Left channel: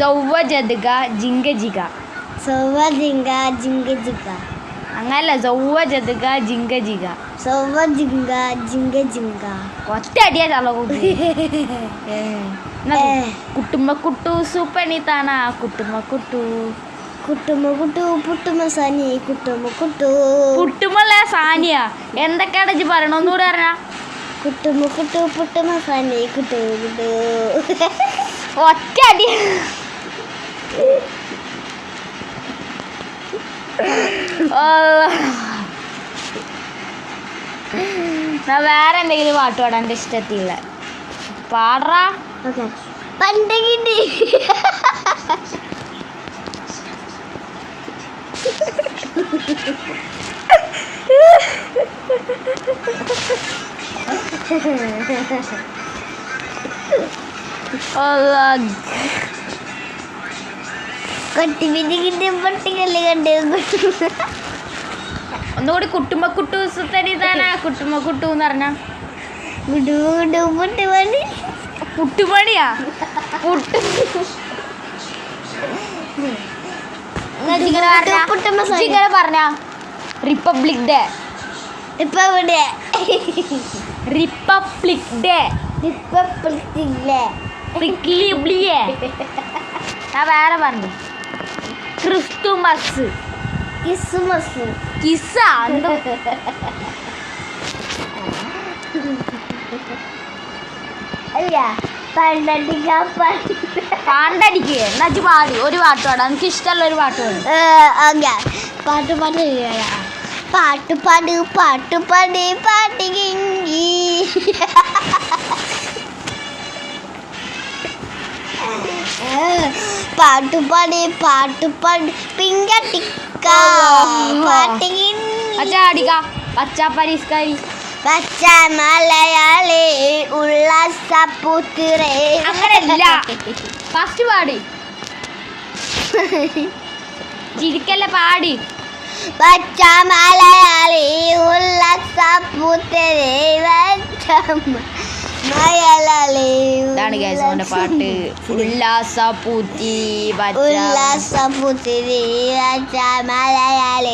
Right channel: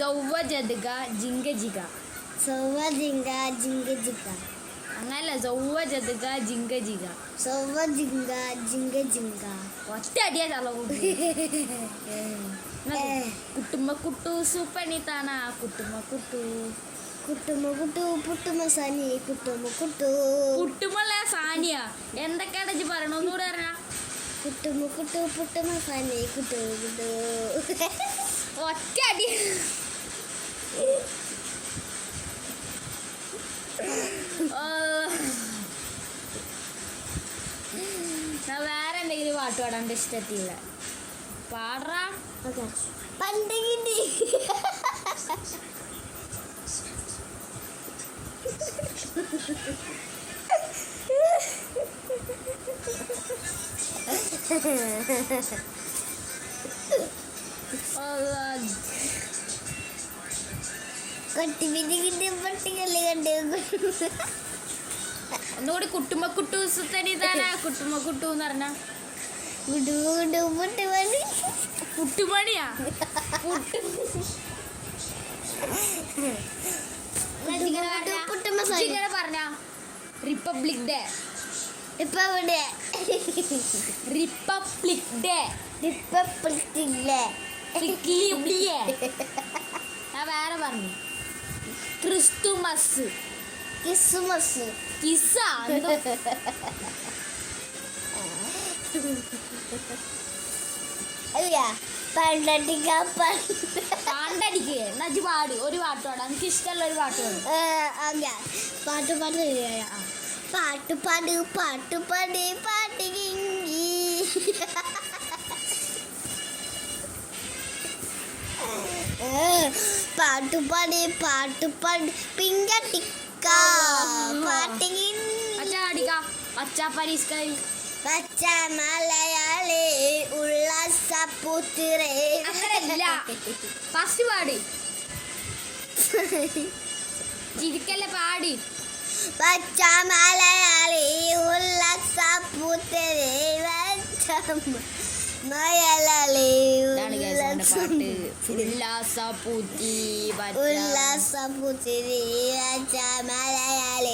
സൗവജദ്ഗ ജിംഗജിഗ. സൗവജിംഗ ജിംഗജിഗ. അങ്ങനല്ല, സൗവജദ്ഗ ജിംഗജിഗ. സൗവജിംഗ ജിംഗജിംഗ. ഒറ്റ അടിയാ ചളകൂട്ടി. കുട്ടുമ്മ കുട്ടു സൂപ്പണിത്താണ കുട്ടുമ്മ കുട്ടു. കുട്ടുമ്മ കുട്ടു പുട്ടുമ്മ സാനി കുട്ടുമ്മ കുട്ടു. പുട്ടുമ്മല്ല സാനിയ. എന്തൊക്കെയാണ് ഇജ്ജ് പറയണോന്നൂടെ പറഞ്ഞ. കുട്ടുമ്മ കുട്ടു പുട്ടുമ്മ സാനി കുട്ടു കുട്ടു. ഒറ്റ അടി. വേറെ എന്തെങ്കിലും പാട്ട് പാടാൻ എൻ്റെ ഇഷ്ടത്തില്ല. പാടറാ. പണ്ടകിണ്ടി. ഒന്നുകൂടി കുട്ടുമ്മ കുട്ടു തനിതാനാ കുട്ടുമ്മ കുട്ടു എന്ന് പറഞ്ഞ പുട്ടുമണിയാ. പുട്ടിങ്ങനെ പറഞ്ഞ റിപ്പബ്ലിക് ഡേ. Republic day. ഞാൻ വേറെ പറഞ്ഞു. ക്രിസ്തുമസ്. ക്രിസ്മസ്. കിസ്സ അല്ല പാണ്ടടിക്ക്. എന്നാ പാടി ഒരു പാട്ട് പാടാം. എനിക്ക് ഇഷ്ടമുള്ള ഒരു പാട്ട് പാടും. പാട്ട് പാട്ട് പാട്ട് പാട് പാട്ട് പാട് പാട്ട് കിങ്കി. പാട്ട് പാട് പാട്ട് പാട് പിങ്കട്ടിക്ക പാട്ട് അടിക്ക. പച്ച പരിസ്കാരി പച്ച മലയാളി ഉള്ളസപുത്രേ. അങ്ങനല്ല, ഫസ്റ്റ് പാടി. ചിരിക്കല്ല, പാടി. പച്ച മലയാളി ഉള്ളസപുത്രേ മലയാളി. ഇതാണ് ഗൈസ് അവന്റെ പാട്ട്. ഉല്ലാസപുത്രി ഉല്ലാസപുത്രി പച്ച മലയാളി.